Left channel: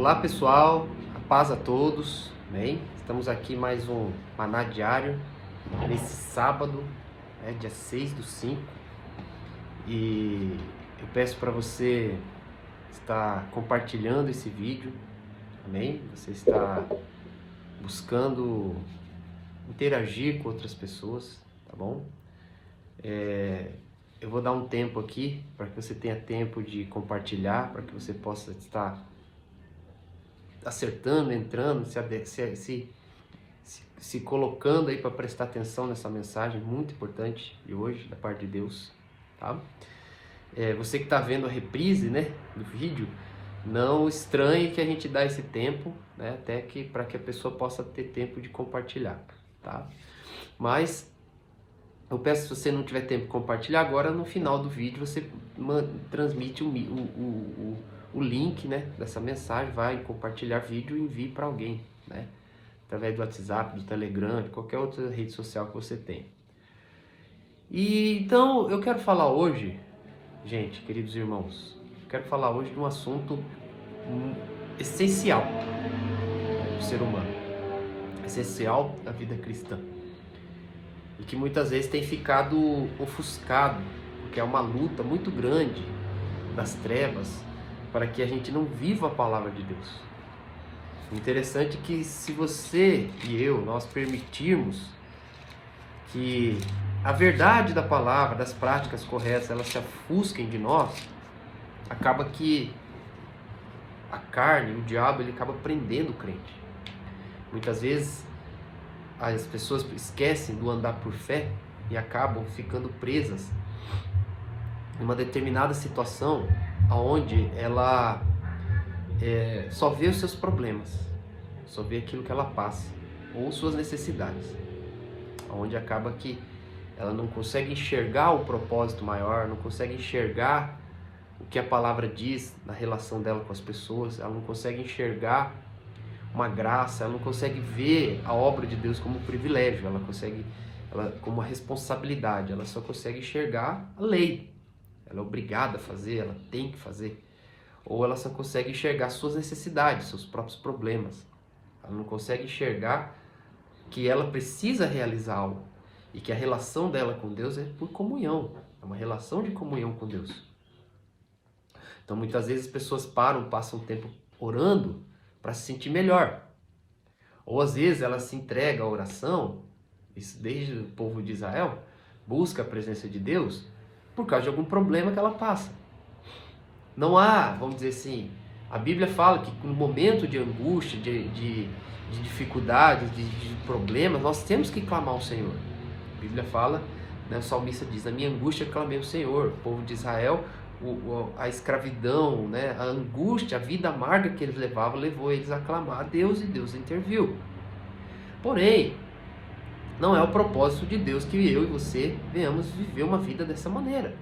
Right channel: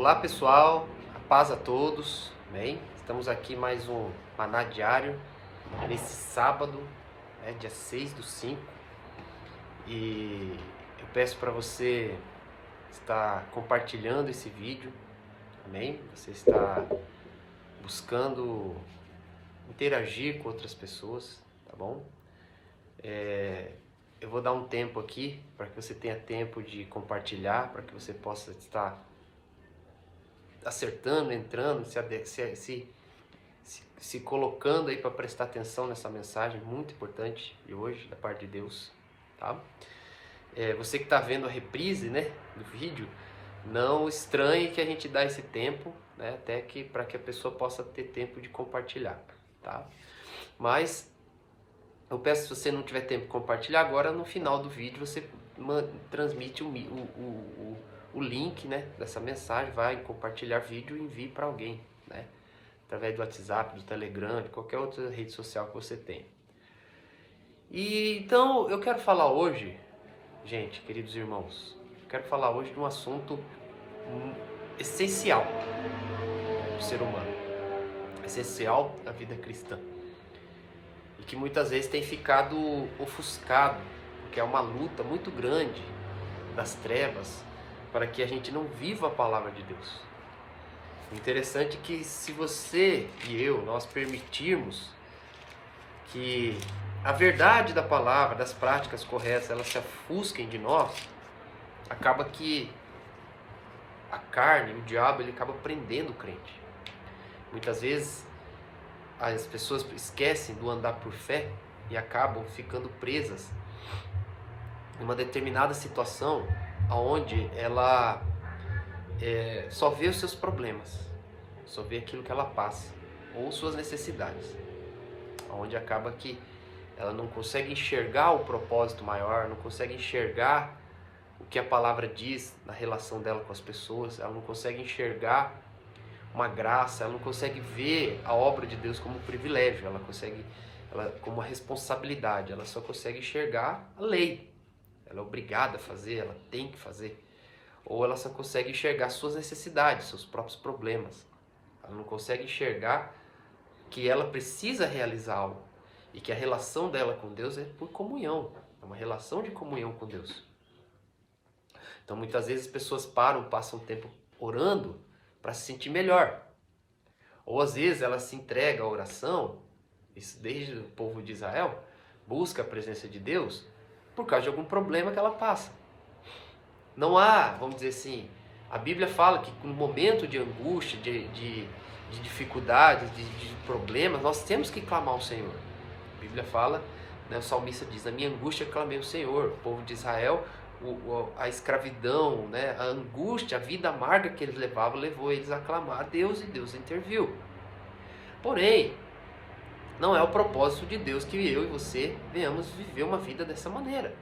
Olá pessoal, a paz a todos, bem? Estamos aqui mais um Maná Diário, nesse sábado, dia 6/5, e eu peço para você estar compartilhando esse vídeo, amém? Você está buscando interagir com outras pessoas, tá bom? Eu vou dar um tempo aqui para que você tenha tempo de compartilhar, para que você possa estar acertando, entrando, se colocando aí para prestar atenção nessa mensagem muito importante de hoje, da parte de Deus, tá? Você que está vendo a reprise, né, do vídeo, não estranhe que a gente dá esse tempo, né, até que para que a pessoa possa ter tempo de compartilhar, tá? Mas eu peço, se você não tiver tempo de compartilhar agora, no final do vídeo você transmite o link, né, dessa mensagem, vai compartilhar vídeo e envie para alguém, né, através do WhatsApp, do Telegram, de qualquer outra rede social que você tenha. E então eu quero falar hoje, gente, queridos irmãos, quero falar hoje de um assunto essencial do ser humano, essencial da vida cristã, e que muitas vezes tem ficado ofuscado, porque é uma luta muito grande das trevas para que a gente não viva a palavra de Deus. Interessante que se você e eu, nós permitirmos que a verdade da palavra, das práticas corretas, elas se ofusquem de nós, acaba que a carne, o diabo, ele acaba prendendo o crente. Muitas vezes as pessoas esquecem do andar por fé e acabam ficando presas em uma determinada situação onde ela só vê os seus problemas, só vê aquilo que ela passa, ou suas necessidades, onde acaba que ela não consegue enxergar o propósito maior, não consegue enxergar o que a palavra diz na relação dela com as pessoas, ela não consegue enxergar uma graça, ela não consegue ver a obra de Deus como um privilégio, ela como uma responsabilidade, ela só consegue enxergar a lei, ela é obrigada a fazer, ela tem que fazer, ou ela só consegue enxergar suas necessidades, seus próprios problemas, ela não consegue enxergar que ela precisa realizar algo, e que a relação dela com Deus é por comunhão, é uma relação de comunhão com Deus. Então muitas vezes as pessoas passam tempo orando para se sentir melhor. Ou às vezes ela se entrega à oração, isso desde o povo de Israel, busca a presença de Deus por causa de algum problema que ela passa. Não há, vamos dizer assim, a Bíblia fala que no momento de angústia, de dificuldades, de problemas, nós temos que clamar ao Senhor. A Bíblia fala, né, o salmista diz, a minha angústia clamei ao Senhor. O povo de Israel, a escravidão, né, a angústia, a vida amarga que eles levavam, levou eles a clamar a Deus, e Deus interviu. Porém, não é o propósito de Deus que eu e você venhamos viver uma vida dessa maneira.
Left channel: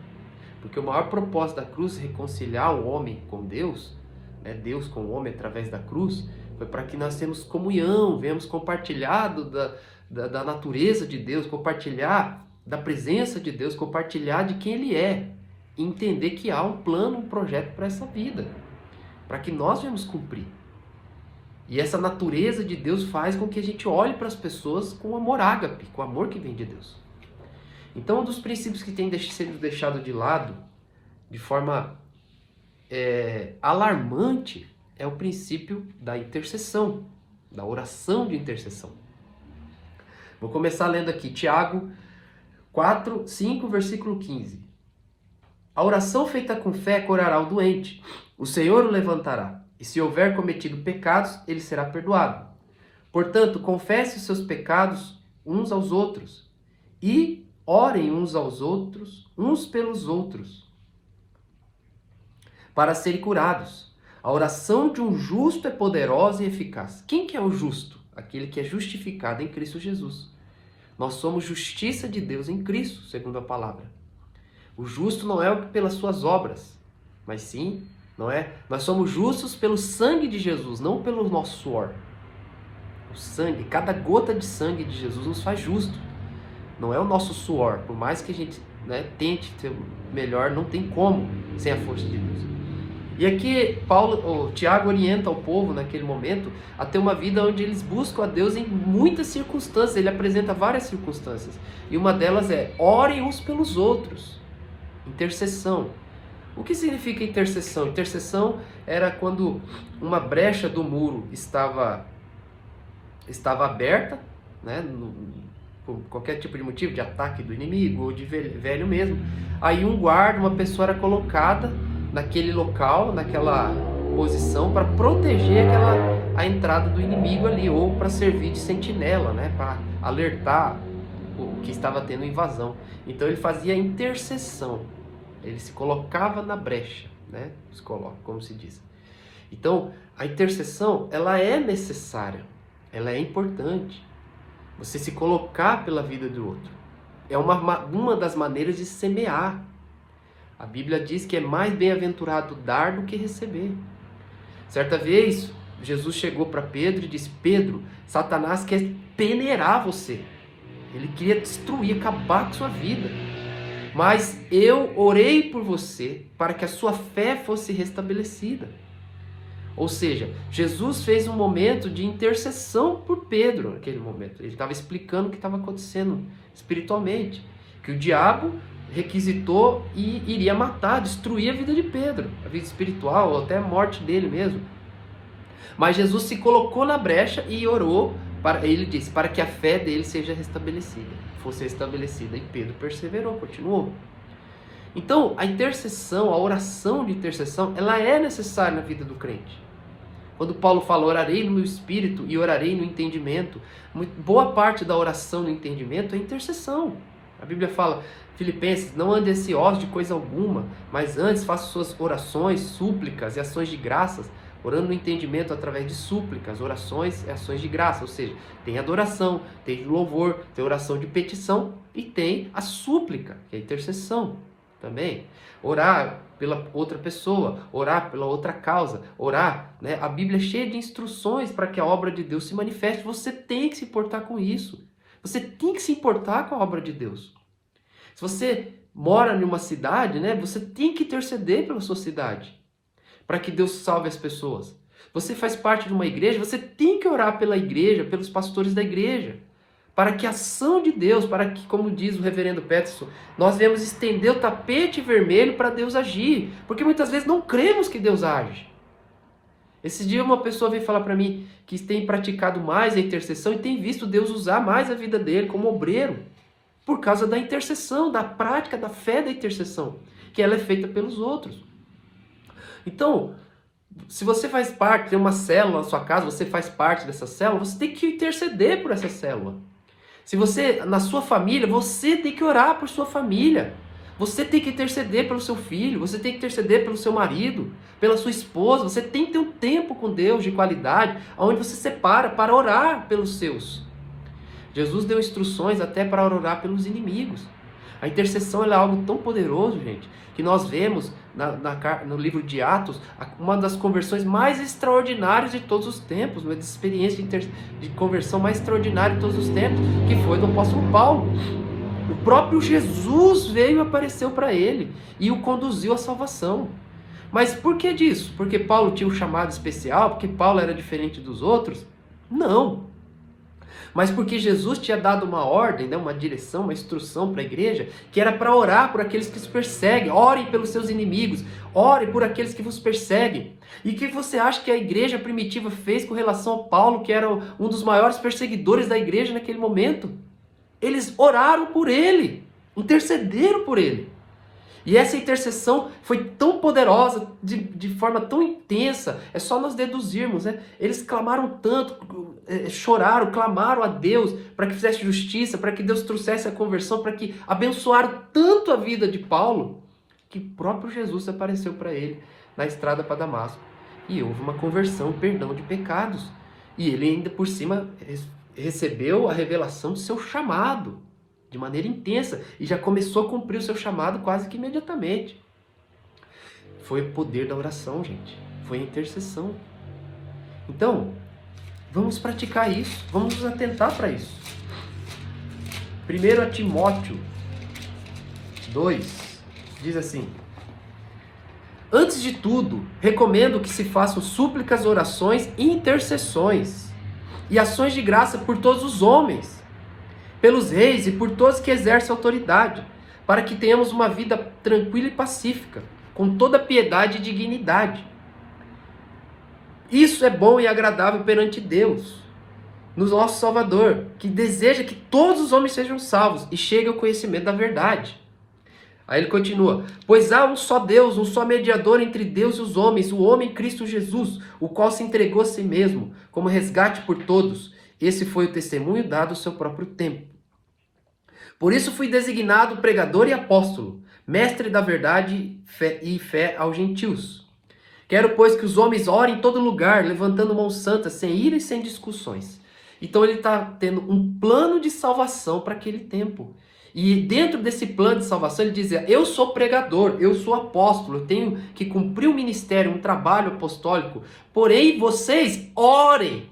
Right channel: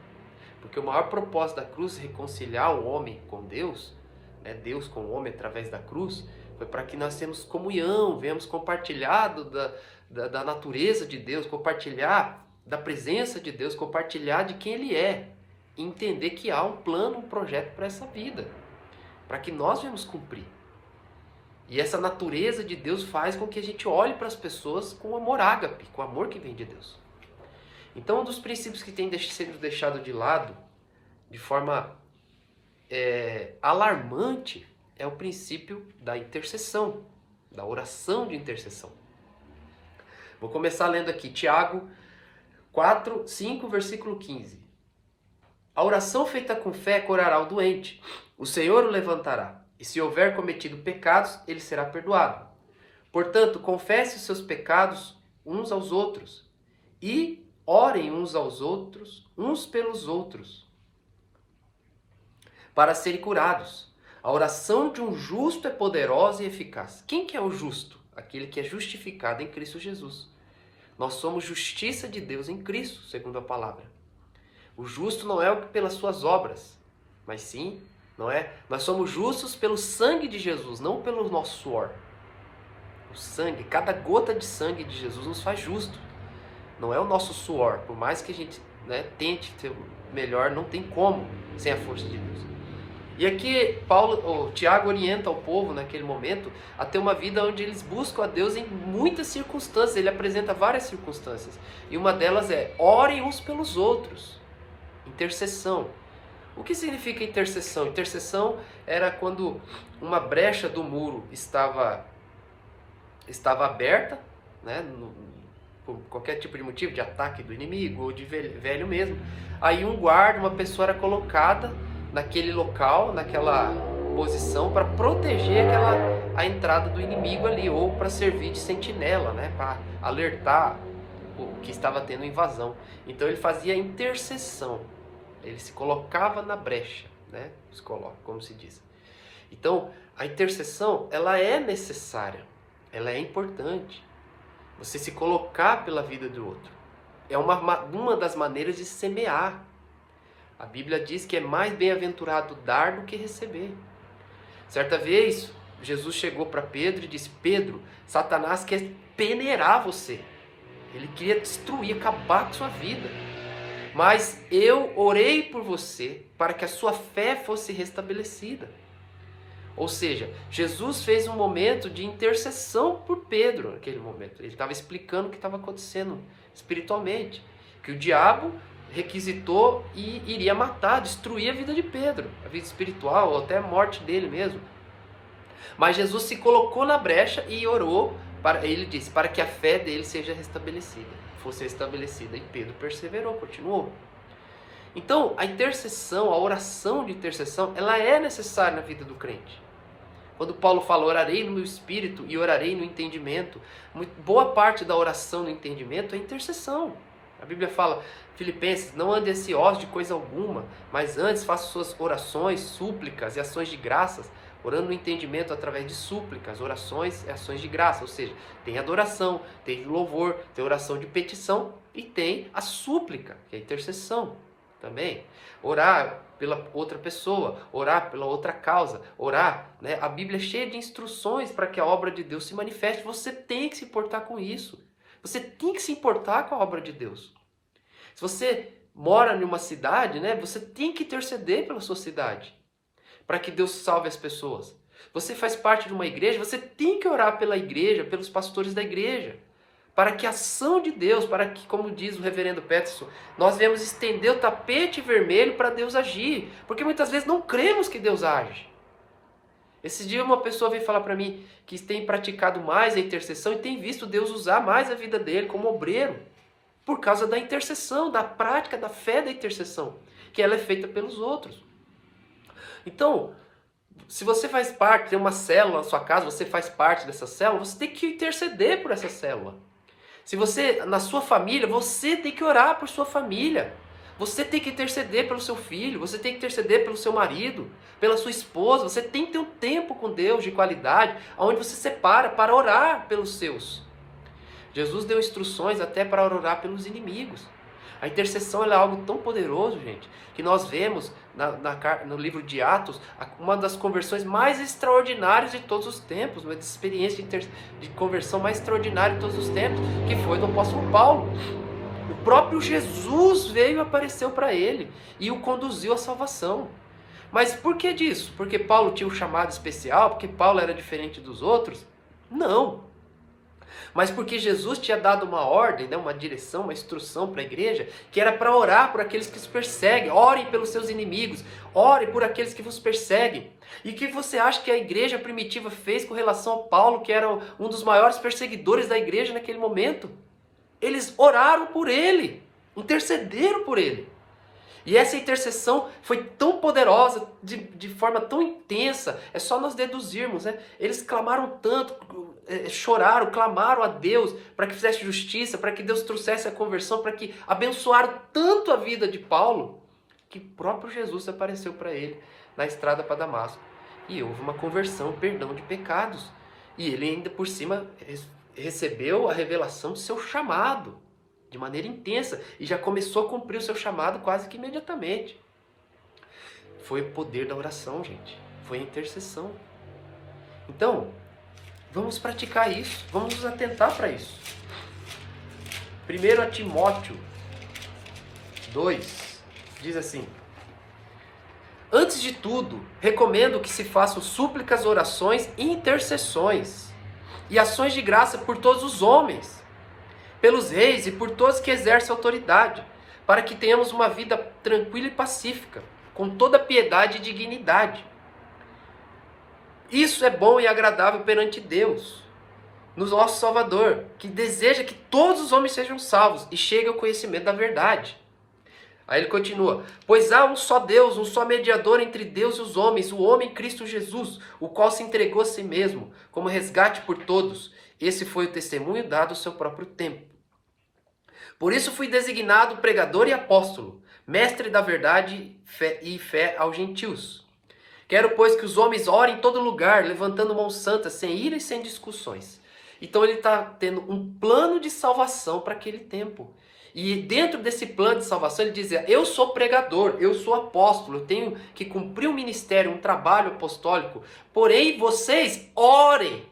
Porque o maior propósito da cruz, reconciliar o homem com Deus, né, Deus com o homem através da cruz, foi para que nós tenhamos comunhão, venhamos compartilhar da natureza de Deus, compartilhar da presença de Deus, compartilhar de quem Ele é. Entender que há um plano, um projeto para essa vida, para que nós venhamos cumprir. E essa natureza de Deus faz com que a gente olhe para as pessoas com amor ágape, com amor que vem de Deus. Então, um dos princípios que tem sido deixado de lado, de forma alarmante, é o princípio da intercessão, da oração de intercessão. Vou começar lendo aqui, Tiago 5, versículo 15. A oração feita com fé curará o doente, o Senhor o levantará, e se houver cometido pecados, ele será perdoado. Portanto, confesse os seus pecados uns aos outros, e orem uns aos outros, uns pelos outros, para serem curados. A oração de um justo é poderosa e eficaz. Quem que é o justo? Aquele que é justificado em Cristo Jesus. Nós somos justiça de Deus em Cristo, segundo a palavra. O justo não é pelas suas obras, mas sim, não é? Nós somos justos pelo sangue de Jesus, não pelo nosso suor. O sangue, cada gota de sangue de Jesus nos faz justo. Não é o nosso suor, por mais que a gente, né, tente ser melhor, não tem como sem a força de Deus. E aqui Tiago orienta o povo naquele momento a ter uma vida onde eles buscam a Deus em muitas circunstâncias. Ele apresenta várias circunstâncias. E uma delas é: orem uns pelos outros. Intercessão. O que significa intercessão? Intercessão era quando uma brecha do muro estava aberta, né, por qualquer tipo de motivo, de ataque do inimigo ou de velho mesmo. Aí um guarda, uma pessoa era colocada naquele local, naquela posição, para proteger a entrada do inimigo ali, ou para servir de sentinela, né, para alertar o que estava tendo invasão. Então ele fazia intercessão, ele se colocava na brecha, né, se coloca, como se diz. Então a intercessão, ela é necessária, ela é importante. Você se colocar pela vida do outro é uma das maneiras de semear. A Bíblia diz que é mais bem-aventurado dar do que receber. Certa vez, Jesus chegou para Pedro e disse: Pedro, Satanás quer peneirar você. Ele queria destruir, acabar com sua vida. Mas eu orei por você para que a sua fé fosse restabelecida. Ou seja, Jesus fez um momento de intercessão por Pedro naquele momento. Ele estava explicando o que estava acontecendo espiritualmente. Que o diabo requisitou e iria matar, destruir a vida de Pedro, a vida espiritual, ou até a morte dele mesmo. Mas Jesus se colocou na brecha e orou, ele disse, para que a fé dele seja restabelecida, fosse restabelecida. E Pedro perseverou, continuou. Então, a intercessão, a oração de intercessão, ela é necessária na vida do crente. Quando Paulo fala: orarei no espírito e orarei no entendimento, boa parte da oração no entendimento é intercessão. A Bíblia fala, Filipenses: não ande ansiosos de coisa alguma, mas antes faça suas orações, súplicas e ações de graças, orando no entendimento através de súplicas, orações e ações de graça. Ou seja, tem adoração, tem louvor, tem oração de petição e tem a súplica, que é a intercessão também. Orar pela outra pessoa, orar pela outra causa, orar, né? A Bíblia é cheia de instruções para que a obra de Deus se manifeste. Você tem que se importar com isso. Você tem que se importar com a obra de Deus. Se você mora em uma cidade, né, você tem que interceder pela sua cidade, para que Deus salve as pessoas. Você faz parte de uma igreja, você tem que orar pela igreja, pelos pastores da igreja, para que a ação de Deus, para que, como diz o reverendo Peterson, nós devemos estender o tapete vermelho para Deus agir, porque muitas vezes não cremos que Deus age. Esse dia uma pessoa veio falar para mim que tem praticado mais a intercessão e tem visto Deus usar mais a vida dele como obreiro, por causa da intercessão, da prática, da fé da intercessão, que ela é feita pelos outros. Então, se você faz parte, tem uma célula na sua casa, você faz parte dessa célula, você tem que interceder por essa célula. Se você, na sua família, você tem que orar por sua família. Você tem que interceder pelo seu filho, você tem que interceder pelo seu marido, pela sua esposa. Você tem que ter um tempo com Deus de qualidade, onde você separa para orar pelos seus. Jesus deu instruções até para orar pelos inimigos. A intercessão é algo tão poderoso, gente, que nós vemos no livro de Atos uma das conversões mais extraordinárias de todos os tempos, uma experiência de conversão mais extraordinária de todos os tempos, que foi do apóstolo Paulo. O próprio Jesus veio e apareceu para ele e o conduziu à salvação. Mas por que disso? Porque Paulo tinha um chamado especial? Porque Paulo era diferente dos outros? Não. Mas porque Jesus tinha dado uma ordem, né, uma direção, uma instrução para a igreja, que era para orar por aqueles que os perseguem. Orem pelos seus inimigos, orem por aqueles que vos perseguem. E o que você acha que a igreja primitiva fez com relação a Paulo, que era um dos maiores perseguidores da igreja naquele momento? Eles oraram por ele, intercederam por ele. E essa intercessão foi tão poderosa, de forma tão intensa, é só nós deduzirmos, né? Eles clamaram tanto, choraram, clamaram a Deus para que fizesse justiça, para que Deus trouxesse a conversão, para que abençoaram tanto a vida de Paulo, que o próprio Jesus apareceu para ele na estrada para Damasco. E houve uma conversão, perdão de pecados. E ele ainda por cima recebeu a revelação do seu chamado, de maneira intensa, e já começou a cumprir o seu chamado quase que imediatamente. Foi o poder da oração, gente. Foi a intercessão. Então, vamos praticar isso. Vamos nos atentar para isso. 1 Timóteo 2 diz assim: Antes de tudo, recomendo que se façam súplicas, orações e intercessões e ações de graça por todos os homens, pelos reis e por todos que exercem autoridade, para que tenhamos uma vida tranquila e pacífica, com toda piedade e dignidade. Isso é bom e agradável perante Deus, no nosso Salvador, que deseja que todos os homens sejam salvos e cheguem ao conhecimento da verdade. Aí ele continua: pois há um só Deus, um só mediador entre Deus e os homens, o homem Cristo Jesus, o qual se entregou a si mesmo, como resgate por todos. Esse foi o testemunho dado ao seu próprio tempo. Por isso fui designado pregador e apóstolo, mestre da verdade e fé aos gentios. Quero, pois, que os homens orem em todo lugar, levantando mãos santas, sem ira e sem discussões. Então ele está tendo um plano de salvação para aquele tempo. E dentro desse plano de salvação ele dizia: eu sou pregador, eu sou apóstolo, eu tenho que cumprir um ministério, um trabalho apostólico. Porém, vocês orem.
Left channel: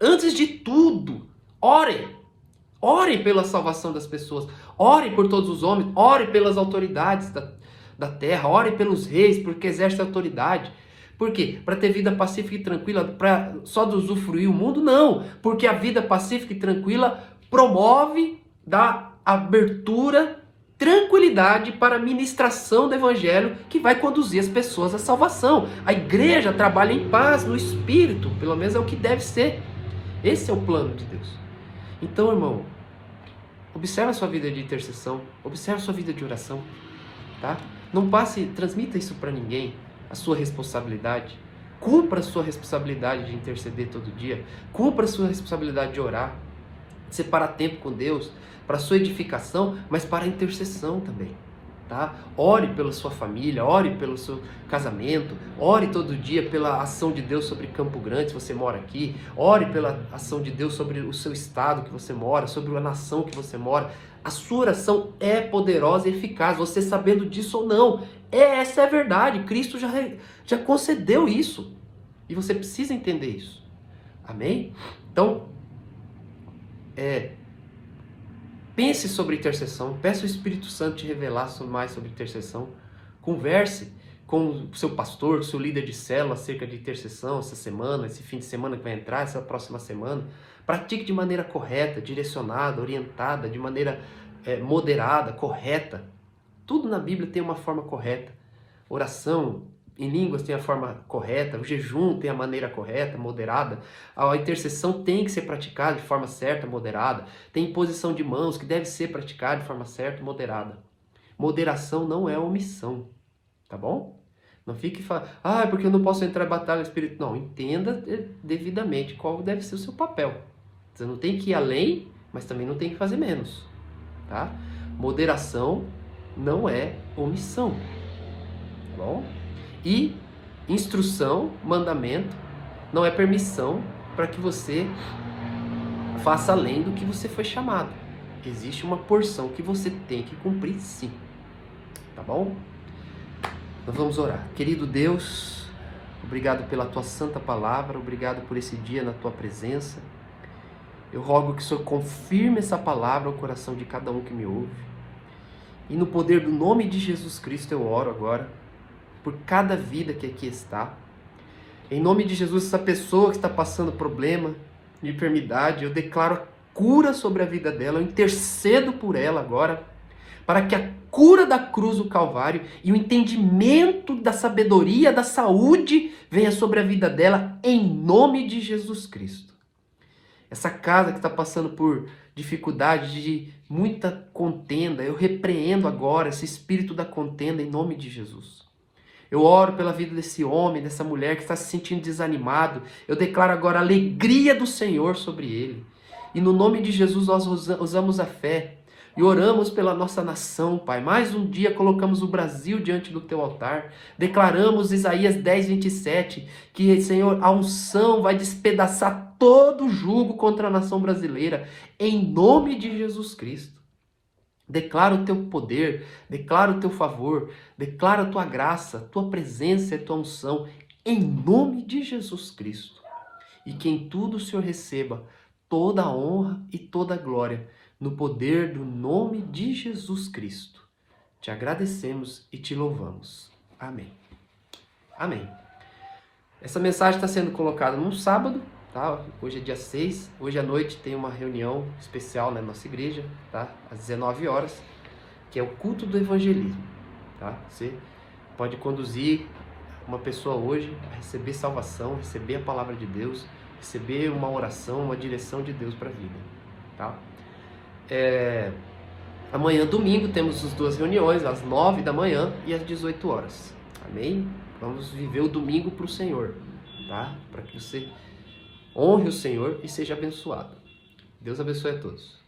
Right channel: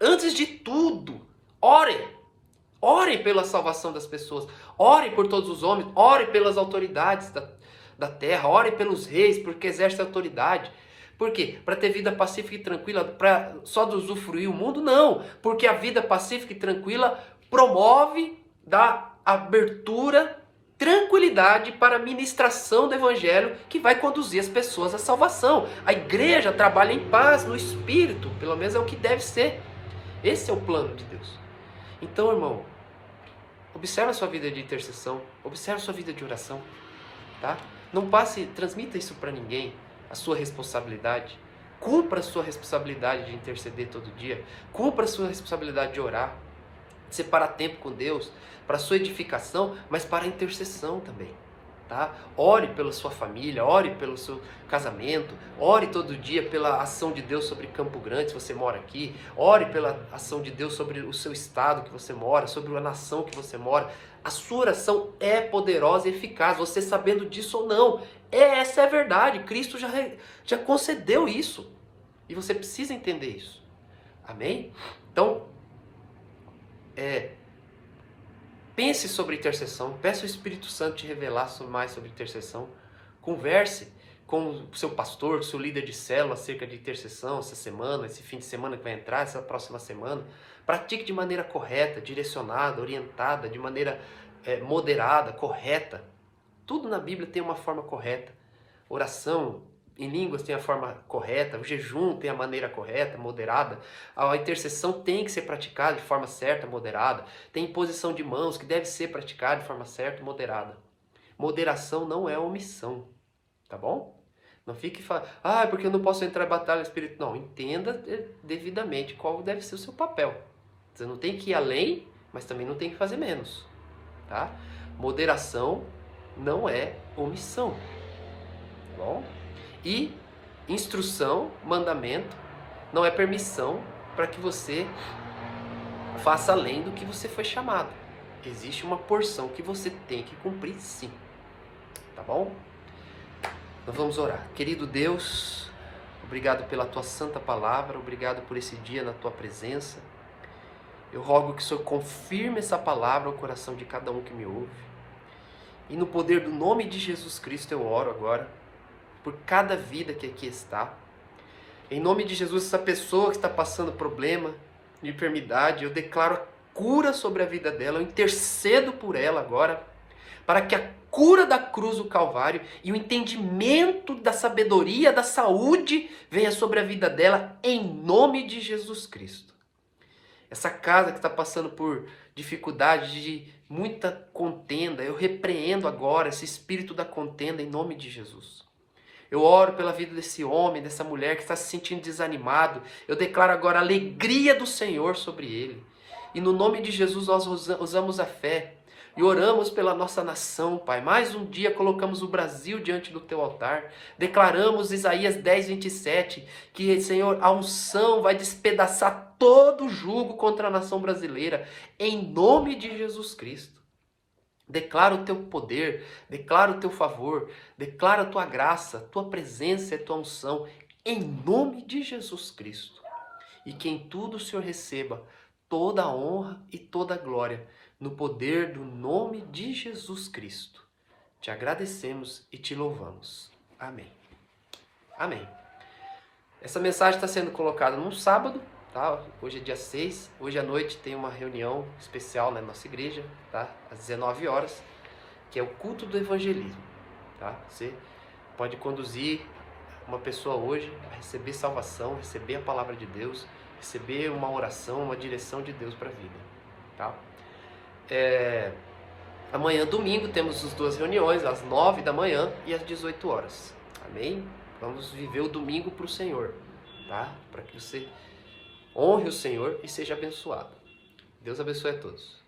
Antes de tudo, orem. Orem pela salvação das pessoas. Orem por todos os homens. Orem pelas autoridades da terra. Orem pelos reis, porque exercem autoridade. Por quê? Para ter vida pacífica e tranquila, para só usufruir o mundo? Não, porque a vida pacífica e tranquila promove, dá abertura, tranquilidade para a ministração do evangelho que vai conduzir as pessoas à salvação. A igreja trabalha em paz, no espírito, pelo menos é o que deve ser. Esse é o plano de Deus. Então, irmão, observa a sua vida de intercessão, observa a sua vida de oração, tá? Não transmita isso para ninguém. A sua responsabilidade, cumpra a sua responsabilidade de interceder todo dia, cumpra a sua responsabilidade de orar, de separar tempo com Deus, para a sua edificação, mas para a intercessão também, tá? Ore pela sua família, ore pelo seu casamento, ore todo dia pela ação de Deus sobre Campo Grande, se você mora aqui, ore pela ação de Deus sobre o seu estado que você mora, sobre a nação que você mora. A sua oração é poderosa e eficaz, você sabendo disso ou não. Essa é a verdade, Cristo já concedeu isso. E você precisa entender isso. Amém? Então, pense sobre intercessão, peça o Espírito Santo te revelar mais sobre intercessão. Converse com o seu pastor, seu líder de célula acerca de intercessão essa semana, esse fim de semana que vai entrar, essa próxima semana. Pratique de maneira correta, direcionada, orientada, de maneira moderada, correta. Tudo na Bíblia tem uma forma correta. Oração em línguas tem a forma correta, o jejum tem a maneira correta, moderada. A intercessão tem que ser praticada de forma certa, moderada. Tem imposição de mãos que deve ser praticada de forma certa, moderada. Moderação não é omissão, tá bom? Não fique falando, porque eu não posso entrar em batalha espiritual. Não, entenda devidamente qual deve ser o seu papel. Você não tem que ir além, mas também não tem que fazer menos, tá? Moderação não é omissão, tá bom? E instrução, mandamento, não é permissão para que você faça além do que você foi chamado. Existe uma porção que você tem que cumprir, sim, tá bom? Nós vamos orar. Querido Deus, obrigado pela tua santa palavra, obrigado por esse dia na tua presença. Eu rogo que o Senhor confirme essa palavra ao coração de cada um que me ouve. E no poder do nome de Jesus Cristo eu oro agora, por cada vida que aqui está. Em nome de Jesus, essa pessoa que está passando problema de enfermidade, eu declaro a cura sobre a vida dela, eu intercedo por ela agora, para que a cura da cruz do Calvário e o entendimento da sabedoria, da saúde, venha sobre a vida dela, em nome de Jesus Cristo. Essa casa que está passando por dificuldade de muita contenda, eu repreendo agora esse espírito da contenda em nome de Jesus. Eu oro pela vida desse homem, dessa mulher que está se sentindo desanimado. Eu declaro agora a alegria do Senhor sobre ele. E no nome de Jesus nós usamos a fé e oramos pela nossa nação, Pai. Mais um dia colocamos o Brasil diante do teu altar. Declaramos Isaías 10, 27, que, Senhor, a unção vai despedaçar todo o jugo contra a nação brasileira, em nome de Jesus Cristo. Declara o teu poder, declara o teu favor, declara a tua graça, a tua presença e a tua unção, em nome de Jesus Cristo. E que em tudo o Senhor receba toda a honra e toda a glória, no poder do nome de Jesus Cristo. Te agradecemos e te louvamos. Amém. Amém. Essa mensagem está sendo colocada num sábado, tá? Hoje é dia 6, hoje à noite tem uma reunião especial na nossa igreja, tá? Às 19 horas, que é o culto do evangelismo, tá? Você pode conduzir uma pessoa hoje a receber salvação, receber a palavra de Deus, receber uma oração, uma direção de Deus para a vida, tá? Amanhã, domingo, temos as duas reuniões, às 9 da manhã e às 18 horas. Amém? Vamos viver o domingo para o Senhor, tá? Para que você honre o Senhor e seja abençoado. Deus abençoe a todos.